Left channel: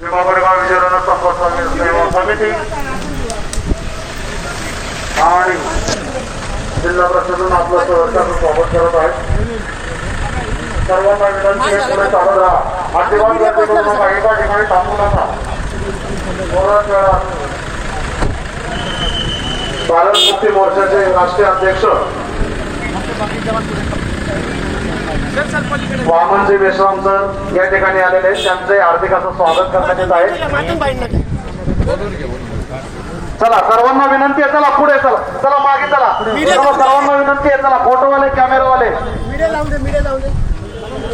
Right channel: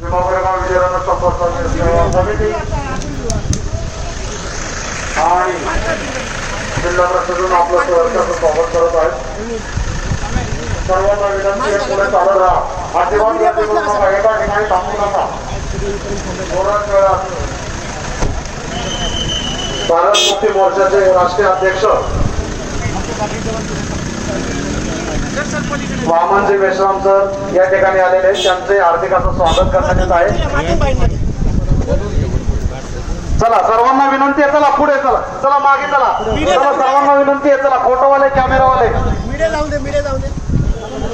भीमाकोरेगाव विजयरत्न संपर्क सेवा समिती आणि जिल्हा प्रशासन आपलं सहर्षाचं स्वागत करत आहे. सर्वांना विनंती आहे पुढे चालत राहा. अजिबात गर्दी करू नका. एका ठिकाणी थांबू नका. थोड्याच वेळात भारत मुक्ती मोर्चाचे राष्ट्रीय अध्यक्ष वामनजी मेश्राम सर या ठिकाणी आलेले आहेत. त्यांचे हार्दिक असं स्वागत करण्यात येत आहे. चला सर्वांना विनंती आहे. चला पुढे चला. चला मागे चला. चला सर्वांना विनंती आहे. चला फोटोवाले कॅमेरावाले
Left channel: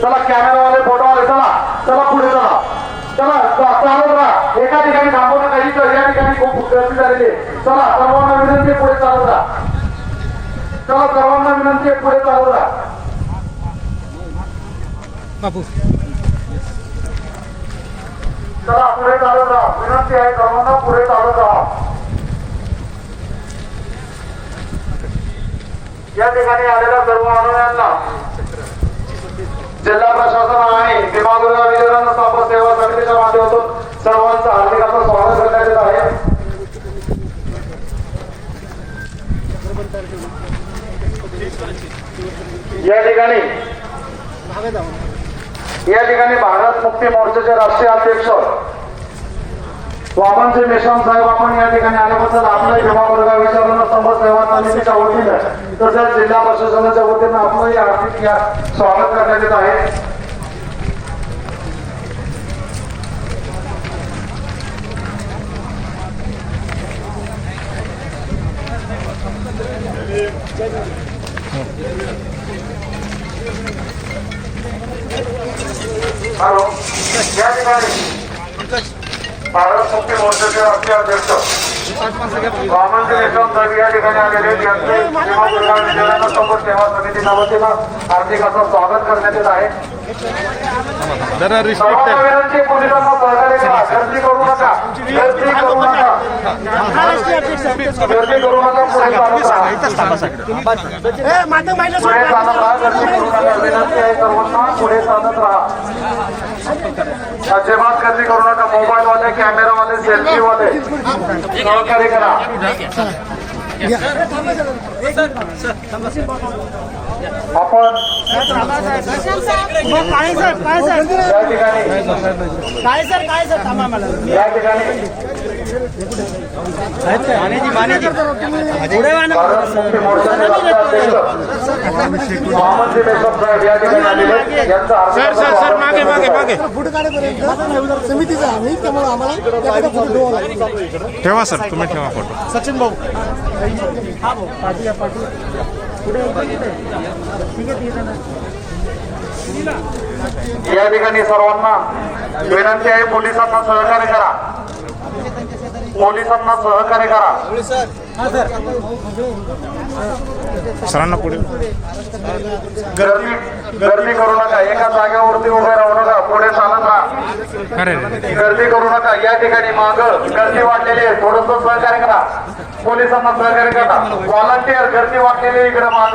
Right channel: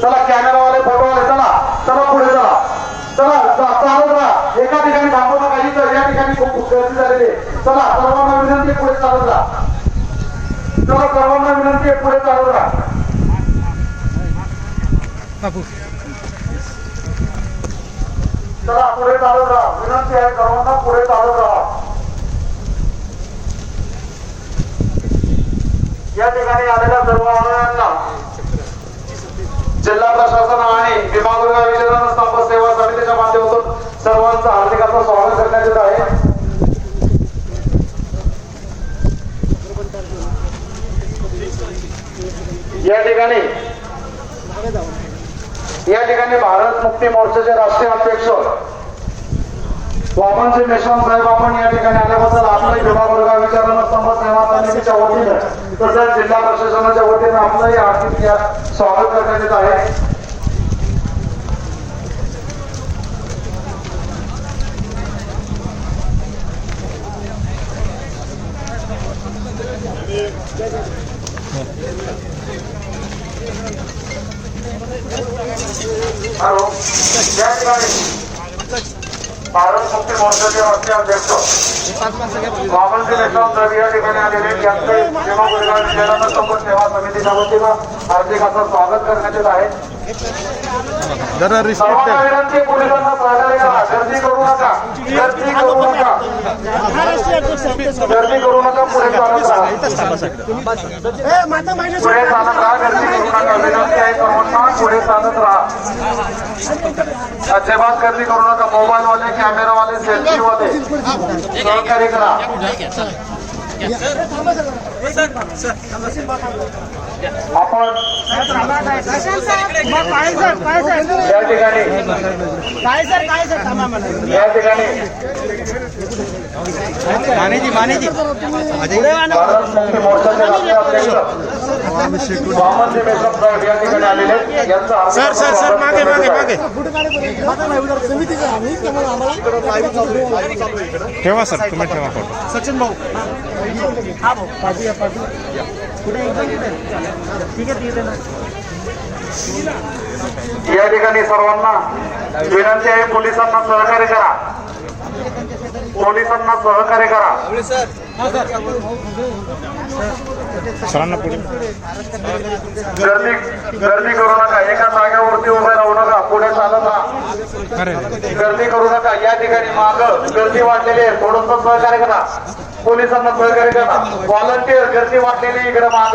चला. कॅमेरावाले फोटोवाले चला. चला पुढे चला. चला चालत राहा. एका ठिकाणी थांबू नका. इथं या ठिकाणी खूप गर्दी झालेली आहे. चला सर्वांना विनंती आहे पुढे चालत राहा. चला सर्वांना विनंती आहे पुढे चालत राहा. चला पुढे चालत राहा. विनंती आहे सर्वांना पुढे चालत राहा. या ठिकाणी आलेल्या सर्व अनुयायांना जिल्हा प्रशासन आणि भीमाकोरेगाव विजयरत्न संपर्क सेवा समितीच्या माध्यमातून सर्वांचं हार्दिक असं स्वागत करण्यात येत आहे. या ठिकाणी भारत मुक्ती मोर्चाचे राष्ट्रीय अध्यक्ष वामनजी मेश्राम साहेब आपण या ठिकाणी आल्याबद्दल आपल्याही भीमाकोरेगाव विजयरत्न संपर्क सेवा समितीच्या वतीने तसेच जिल्हा प्रशासनाच्या वतीने आपलंही हार्दिक स्वागत करण्यात येत आहे. हॅलो. या ठिकाणी भारत मुक्ती मोर्चाचे राष्ट्रीय अध्यक्ष वामनजी मेश्राम साहेब या ठिकाणी आलेले त्यांचे भीमाकोरेगाव विजयरत्न संपर्क सेवा समितीच्या वतीनं हार्दिक असं स्वागत करण्यात येत आहे. सर्वांना विनंती पोलिसांना सहकार्य करा. गर्दी करू नका. गर्दी करू नका. गर्दी करू नका. पुढे चालत राहा. विनंती आहे सर्वांना पुढे चालत राहा. अजिबात गर्दी करू नका. मोबाईल वाले कॅमेरा वाले सेल्फी वाले सहकार्य करा. आपण या ठिकाणी भारत मुक्ती मोर्चाचे राष्ट्रीय अध्यक्ष वामनजी मेश्राम साहेब या ठिकाणी आलेले यांचा सर मागे मागे मागे ठेवा सर. तुम्ही ठेवा फोटो. सचिन भाऊ या ठिकाणी सर्वांना विनंती आहे पोलिसांना सहकार्य करा. पोलिसांना सहकार्य करा. सरांना पुढे. गर्दी करू नका. एका जागेवरती उभे राहू नका. पुढे चालत राहा. गर्दी करू नका. या ठिकाणी माग गर्दी वाढलेली आहे. थोडंसं सहकार्य करा. पोलिसांना सहकार्य करा. व्हॉलंटियर गर्दी वाढलेली इकडे माग.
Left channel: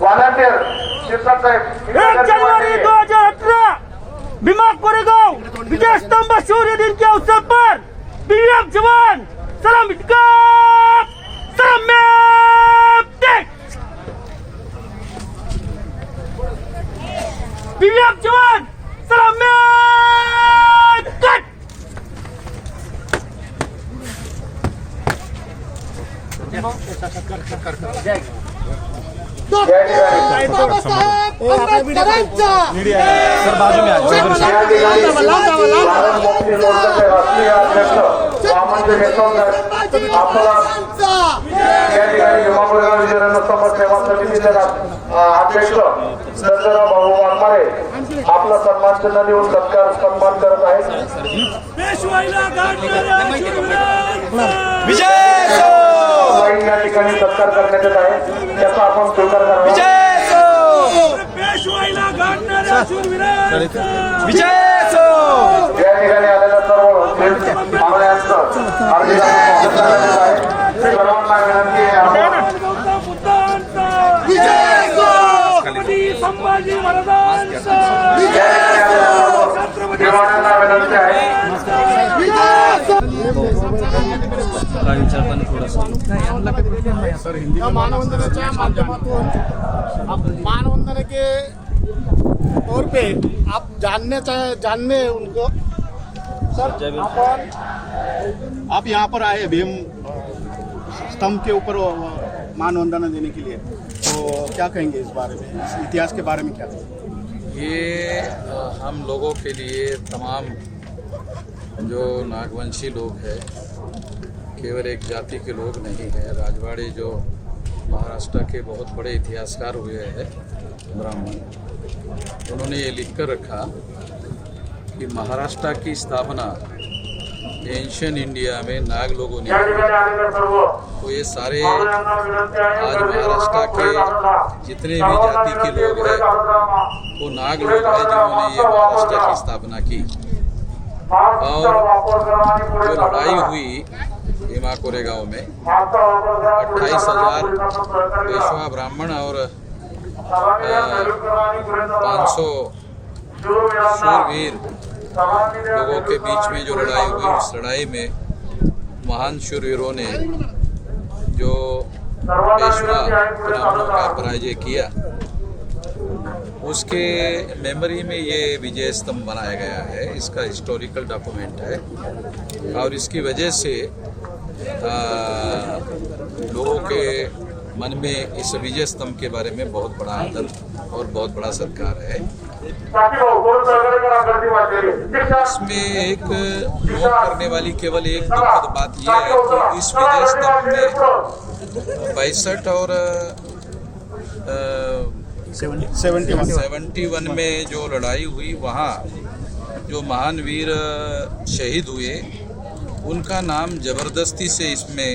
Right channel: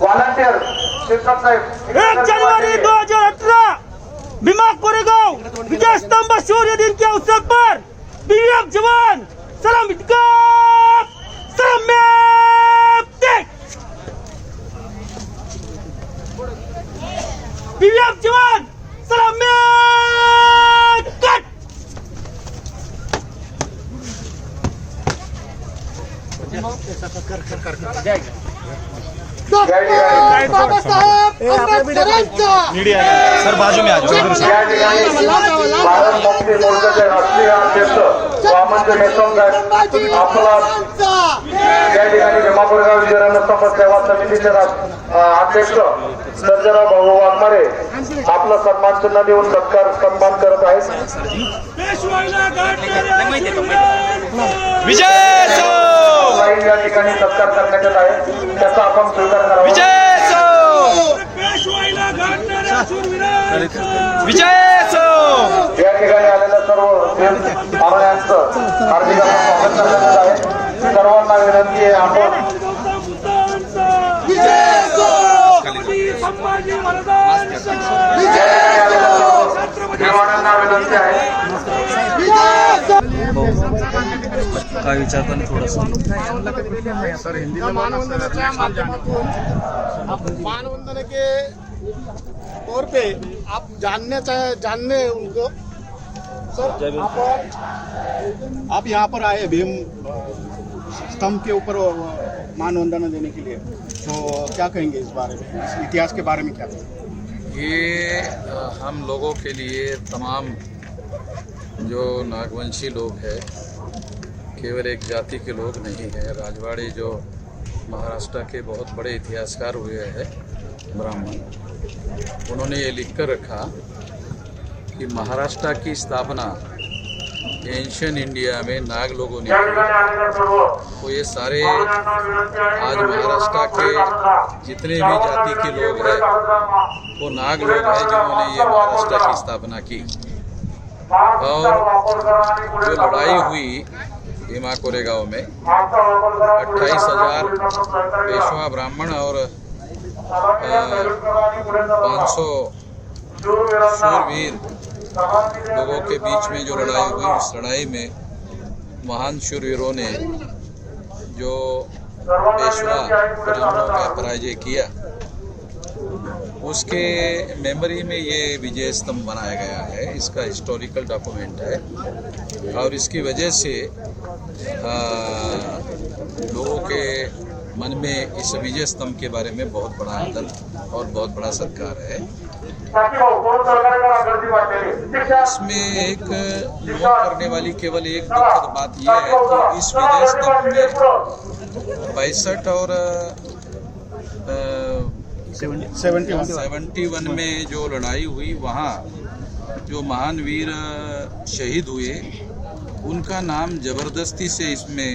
व्हॉलंटियर शिरसाट साहेब 1 जनवरी 2018 भीमाकोरेगाव विजय स्तंभ शौर्य दिन के अवसर पर बीएफ जवान सलाम बीएफ जवान सलाम सर बाजू में चौधरी साहब. भारत मुक्ती मोर्चाचे राष्ट्रीय अध्यक्ष वामनजी मेश्राम साहेब आपला या ठिकाणी भीमाकोरेगाव विजयरत्न संपर्क सेवा समितीचे अध्यक्ष सर्जना भाऊ वाघमारे आपला सन्मान चिन्ह देऊन सन्मान करत आहेत. या ठिकाणी सत्कार करण्यात येत आहे. त्याचा आपण स्वीकार करावा. या ठिकाणी आलेल्या सर्व मावळ्यांचं सर्वांना विनंती आहे आपण या ठिकाणी आलेल्या सर्व काय विचारताना थोडंसं मानवंदना के तौर पे आप जानने उनको सर आप यहाँ पर आए भीम स्तंभ के ऊपर मानवंदना देने के लिए, तो क्या कहेंगे इस बारे में, इस इतिहास के बारे में क्या कहेंगे? ये हम लोगों के लिए तमाम जो नागवंशी लोग हैं, केवल एक जाति के लोग नहीं हैं। राजवाड़े जो महाराष्ट्र के बहुत बड़े इतिहासकार हुए हैं ब्राह्मण, उन्होंने ये लिख कर रखा कि महाराष्ट्र की स्थापना एंशियन इंडिया में नाग लोगों ने की। तो ये सारे आज महाराष्ट्र के जितने भी जाति के लोग हैं वो नाग लोग हैं जिन्होंने ये महाराष्ट्र की स्थापना की। और जो लड़ाई हुई भीमा कोरेगांव में 28,000 पेशवा ब्राह्मण और 500 शूरवीर लोगों के बीच में जो लड़ाई हुई, उस लड़ाई में महान शूरवीरों ने जो पेशवा ब्राह्मणों का पराजय किया, उसके मेमोरी में ये विजय स्तंभ बनाया गया है। इसका हिस्टोरिकल डॉक्यूमेंट है और इसकी वजह से लोगों के मन में इस विजय स्तंभ के बारे में बहुत बड़ा आदर और बहुत बड़ा सत्कार है। इसमें एक नोट करने वाली केवल एक दुखद बात यह है कि इस विजय स्तंभ में 62 और 71 में जो लड़ाई हुई, वहाँ जो महान वीर शहीद हुए उनका नाम जबरदस्ती से इसमें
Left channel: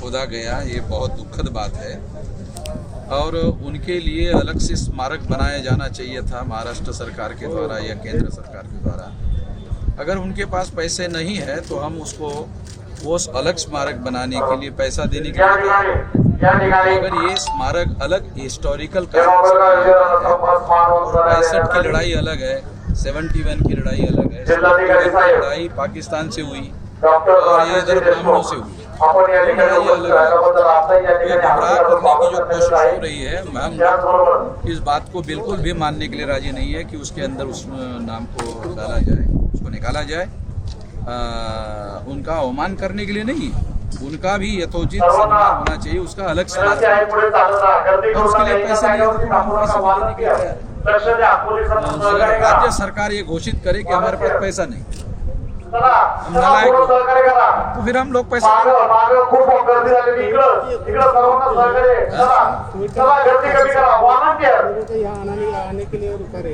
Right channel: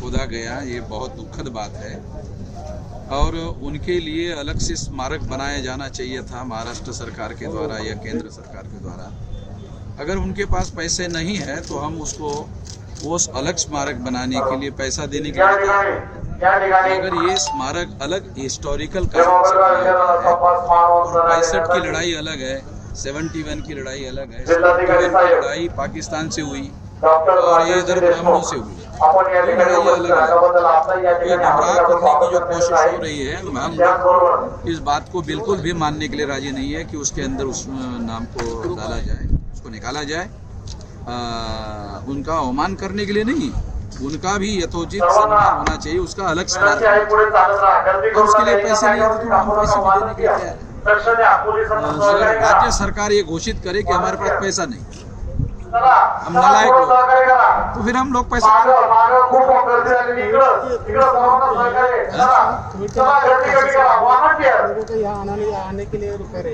खोदा गया। ये बहुत दुखद बात है और उनके लिए अलग से स्मारक बनाया जाना चाहिए था महाराष्ट्र सरकार के द्वारा या केंद्र सरकार के द्वारा। अगर उनके पास पैसे नहीं है तो हम उसको वो अलग स्मारक बनाने के लिए पैसा देने के लिए तैयार हैं। अगर ये स्मारक अलग हिस्टोरिकल कारण से बनाया है और 65 की लड़ाई अलग है, 71 की लड़ाई अलग है, 71 की लड़ाई पाकिस्तान से हुई और ये इधर ब्राह्मणों से हुई, ये लड़ाई अलग है। ये गुमराह करने की जो कोशिश हो रही है, हम लोग इस बात को बिल्कुल भी मानने के लिए राजी नहीं है कि उसके अंदर उस नाम को डाला जाए, उसको निकाला जाए। उनका अवमान करने के लिए नहीं, उनका भी यथोचित सम्मान होना चाहिए, उसका अलग स्मारक और उसके लिए पैसे नहीं है तो हम पैसे भी देने के लिए तैयार हैं। अगर राज्य सरकार ये घोषित करे कि हमारे पास पैसा नहीं, हम नालायक लोग, तो फिर हम लोग पैसा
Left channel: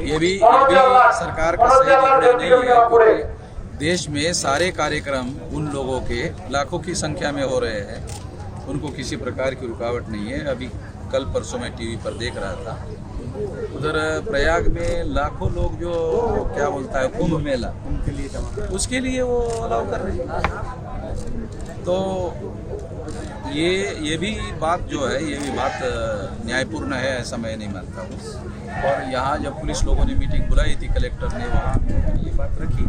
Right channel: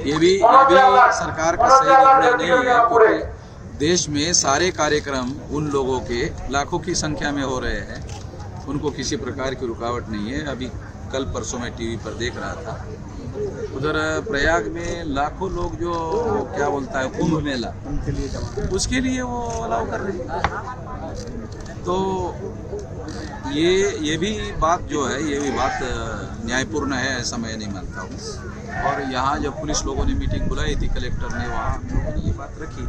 ये भी सरकार का सही निर्णय नहीं है, क्योंकि देश में सारे कार्यक्रम उन लोगों के लाखों की संख्या में हो रहे हैं, उनको किसी प्रकार की रुकावट नहीं है। अभी कल परसों मैं टीवी पर देख रहा था, उधर प्रयाग में लाखों लोग जो क्या बोलता है कुंभ मेला, उसके लिए वो अलाउ कर रहे हैं। तो ये भी बात जो है, ये भी बात न्यायपूर्ण है, ऐसा मैं नहीं मानता हूँ। और यहाँ जब पुलिस लोगों ने मीटिंग बुलाई थी, कलेक्टर ने, वहाँ हम लोगों ने ये बात रखी,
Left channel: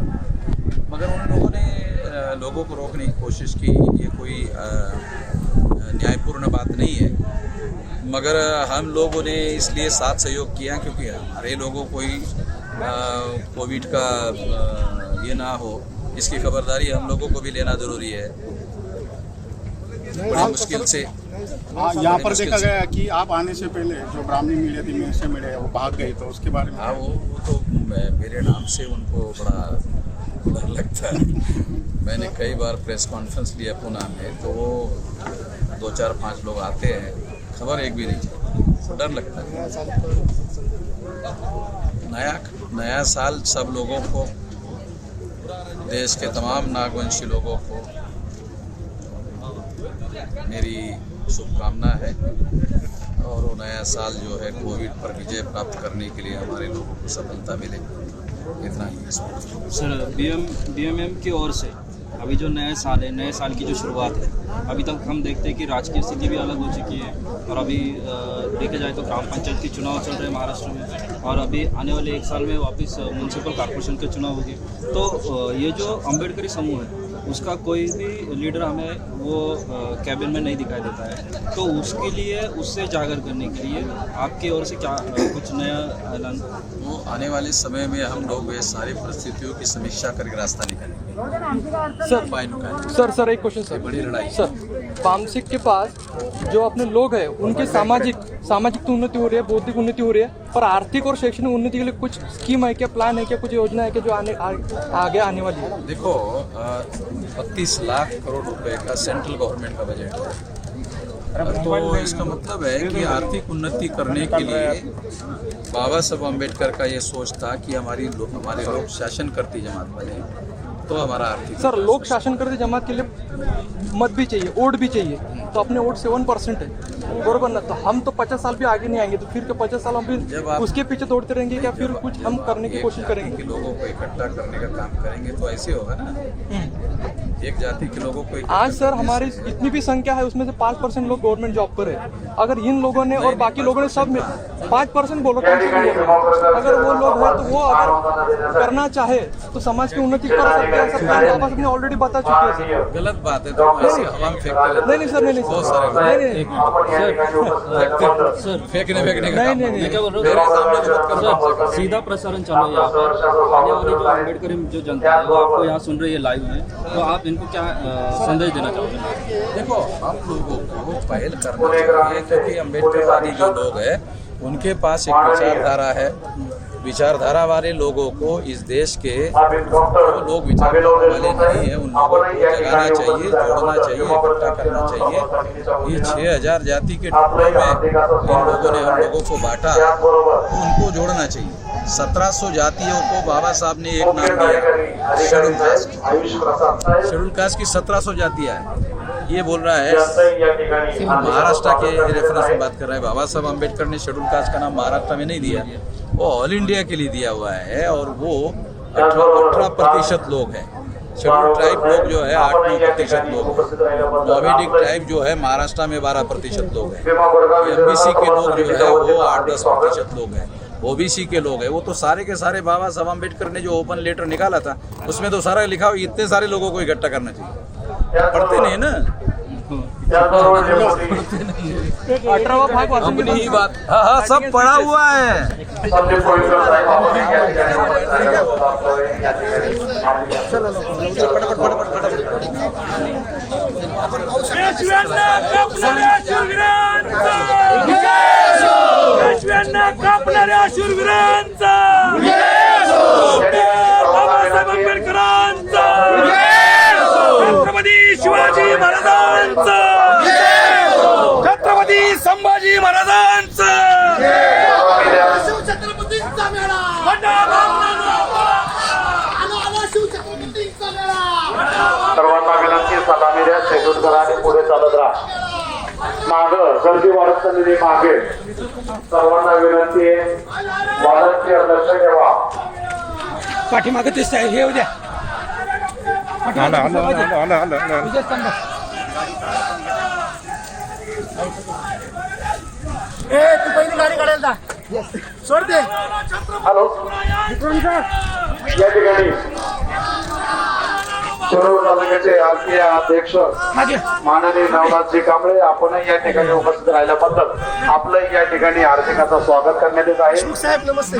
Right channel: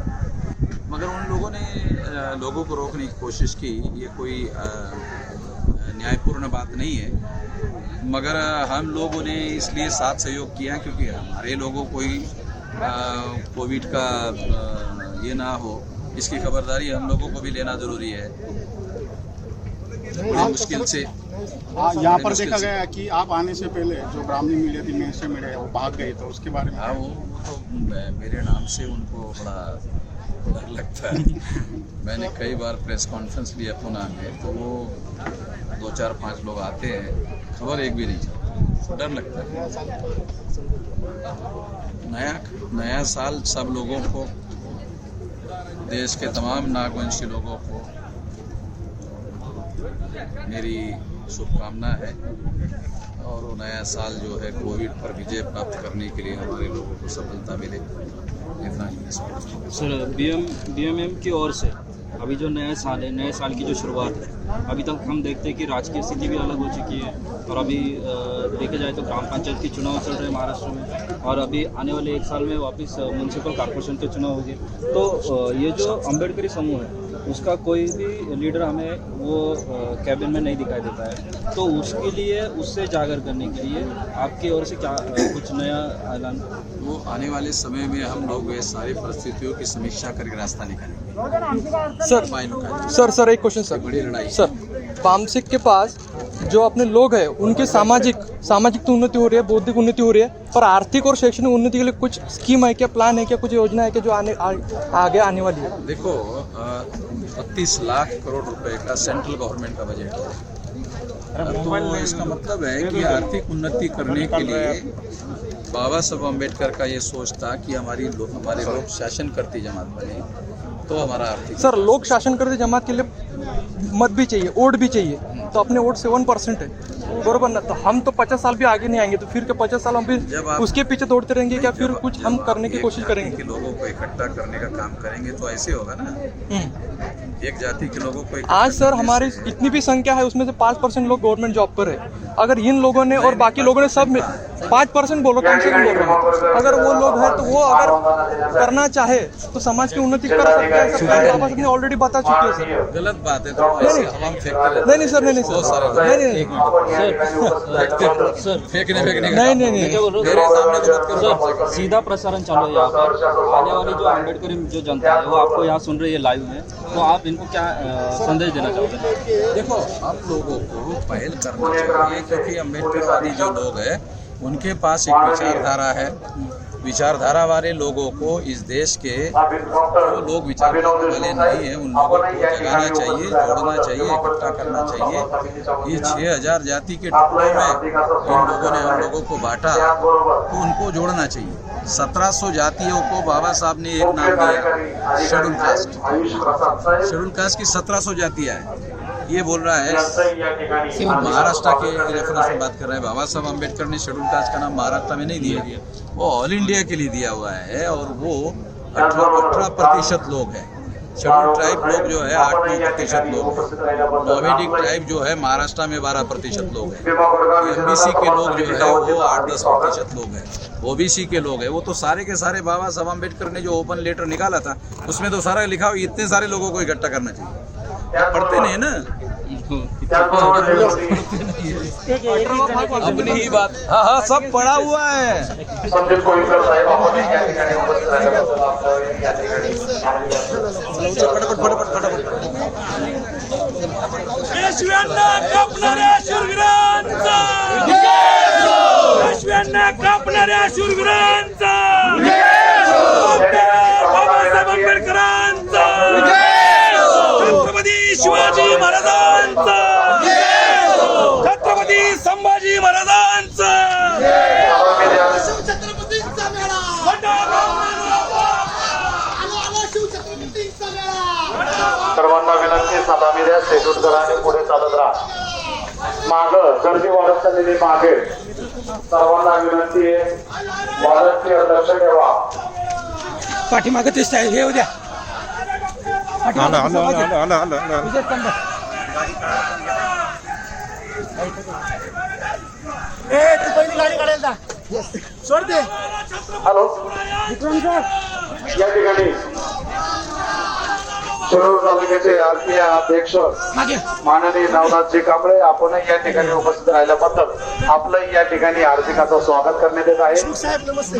मगर उन लोगों ने लोगों को रोकने की कोशिश की। ये कोई न्यायपूर्ण बात नहीं है, मगर हम लोगों ने इसलिए साथ सहयोग किया क्योंकि हमारे लोगों को ही कोविड का ये ना हो, इसकी खबरदारी हम लोगों को भी लेना ज़रूरी है। बड़ी मुश्किल से यहाँ पर देखा गया कि आप आने से पहले जो ब्राह्मणी मिले थी, में से मिले, वो भाग गए, तो उसके बारे में। हाँ, वो तो मेरे नाम से उनको बड़ा डर लगता है। मैंने कई बार प्रेस कॉन्फ्रेंस लिया पुणे में, तो वो 2, 4, 5 लोग आते हैं, खबर एक भी नहीं चलती, डर लगता है। नया साल सब लोगों को, देश के तमाम नागवंशी लोगों को मेरी शुभकामना है और वो नया साल जो है कोविड पर विजय प्राप्त करने के लिए हमारे लोगों को सफलता मिले, इतना ही। सर, बीएमएम की ओर से अभी जो नए साल है, नए साल की जो शुरुआत है, अभी तक हम देखते हैं कि राजकीय स्थिति भी अलग हो चुकी है और अभी देखे जाए तो ग्राम पंचायत के चुनाव चल रहे हैं महाराष्ट्र में और अभी आने वाले 1 साल में वापस म्यूनसिपल कॉर्पोरेशन के चुनाव होंगे। तो ये जो अम्बेडकरी समूह है, उसका कोई भी लीडर हमें वो कैबिन में नहीं दिखाई देता है। तो उसके लिए, उससे जागर करने के लिए आपकी ओर से क्या कुछ नया ऐलान? वो आने वाले समय में हम लोग ये सारी परिस्थितियों की समीक्षा करके रास्ता निकालेंगे। सर उपाय निकालेंगे। सर एक क्वेश्चन ये सर। बड़ी लड़ाई है। सर पामसिक के पास जो अपने लोग हैं उनके सामाजिक तो उन्नति हो रही है, बौद्धिक उन्नति हो रही है, पर आर्थिक और शैक्षणिक उन्नति के लिए कुछ स्कीम है क्या, प्लान है क्या, कुछ योजना है क्या जो आगे आने वाली है? देखो 32 लाख करोड़ रुपए का सेंट्रल गवर्नमेंट का बजट है। तो इसका मतलब है कि आर्थिक उन्नति करने के लिए बाबा साहब अम्बेडकर का ये सोच था कि हमारे लोग शासन करती जमात बने तो हमारा आर्थिक सर लोक शासन करते जमात के लिए मत भी चाहिए, वोट भी चाहिए, तो अपने वोट 7% है, बरोबर ना? तो हम तो 50 साल भी आगे नहीं आएंगे, तो फिर के 50 साल हम भी उसके पीछे दौड़ते रहेंगे क्या? फिर कुछ हम करने की कोशिश करेंगे कि लोगों को इकट्ठा करने का काम करेंगे तो ऐसे होगा ना। एक जाति के लोगों को इकट्ठा आज सर करने हमारी से- इतनी भी संख्या है, उसमें से 5% लोग गवर्नमेंट जॉब कर रहे हैं। अगर इन लोगों ने और बाकी लोगों ने सब में 5% बोलो, कम से कम अगर वो लोग हैं तो वो अगर करना चाहे तो समाज की उन्नति कर सकते हैं। सर बाबा साहब ने ऑलरेडी बता चुके हैं सर। गलत बात है, तो ऐसे हवा में फेंकते रहते नहीं सर, नहीं बहुत सारे लोग नहीं फेंकने का नहीं, नहीं, नहीं। मेरे सामने तो मत करो कम से कम। सीधा प्रसारण चालू है यहाँ पर। आने वाली जो अम्बेडकर जो जनता है वो आपको यहाँ सुन रही है लाइव में, तो आप इनको क्या संदेश देना चाहोगे? देखो हम लोगों को पहल करना चाहिए, क्योंकि अम्बेडकरवादी जो लोग हैं उनके पास एक विचारधारा है। विचारधारा वाले लोगों को इस देश के जो लोग विचारधारा वाले नहीं हैं उन लोगों को जगाना चाहिए, जोड़ना चाहिए, इकट्ठा करना चाहिए। ये 6000 जाति के टुकड़ों में इन लोगों ने हम लोगों को बांटा, तो उनको जोड़ना चाहिए। 1700 जातियों को बाबा साहब ने एक नाम दिया, शेड्यूल कास्ट। शेड्यूल कास्ट की 1700 जातियाँ हैं। ये बोल रहा है महाराष्ट्र के रेफरेंस में बात कर रहा है। बाबा साहब अम्बेडकर ने शेड्यूल कास्ट का नाम महाराष्ट्र में नहीं दिया, वो ऑल इंडिया के लिए दिया हुआ है। और वो 18% लोग हैं। शेड्यूल ट्राइब लोग जो है 8-9% लोग हैं। नोवेडिक ट्राइब जो है महाराष्ट्र में 12% लोग हैं। एमबीसी के लोग जो है वो 8-10% लोग हैं। ओबीसी के लोग हैं, वो तो सारे के सारे बाबा साहब अम्बेडकर ने जो ओपन लेटर निकाला था उसमें तो सारा लिखा हो, इतने सारे लोगों को इकट्ठा करना चाहिए। पढ़ते नहीं ना अपनी ही बात। हाँ सब पढ़ा हुआ है। संदीप कोळीकर साहेब आपण या ठिकाणी उपस्थित पेशव्यांना कापणाऱ्या शूरवीरांचा, बाबासाहेब आंबेडकरांचा, छत्रपती शिवाजी महाराजांचा, छत्रपती संभाजी महाराजांचा, शिवछत्रपतींचा मेळा, शिवछत्रपतींचा मेळा. सर्वांना विनंती, सलामी द्या, शेड्यूल करा आणि पुढे चालत राहा. माग गर्दी वाढत चाललेली मागे सर्वांना विनंती आहे, वाढत लक्ष ठेवा. पाठीमागे ते हे उद्या आलं तू पहिली गाडी काढायला जा. सोड दे. हॅलो, या ठिकाणी शिरूर तालुक्याचे आरपीआय अध्यक्ष माननीय नवनाथजी कांबळे आपण या ठिकाणी उपस्थित राहिल्याबद्दल आपलं या ठिकाणी हार्दिक असं स्वागत करण्यात येत आहे. साहेब नमस्ते.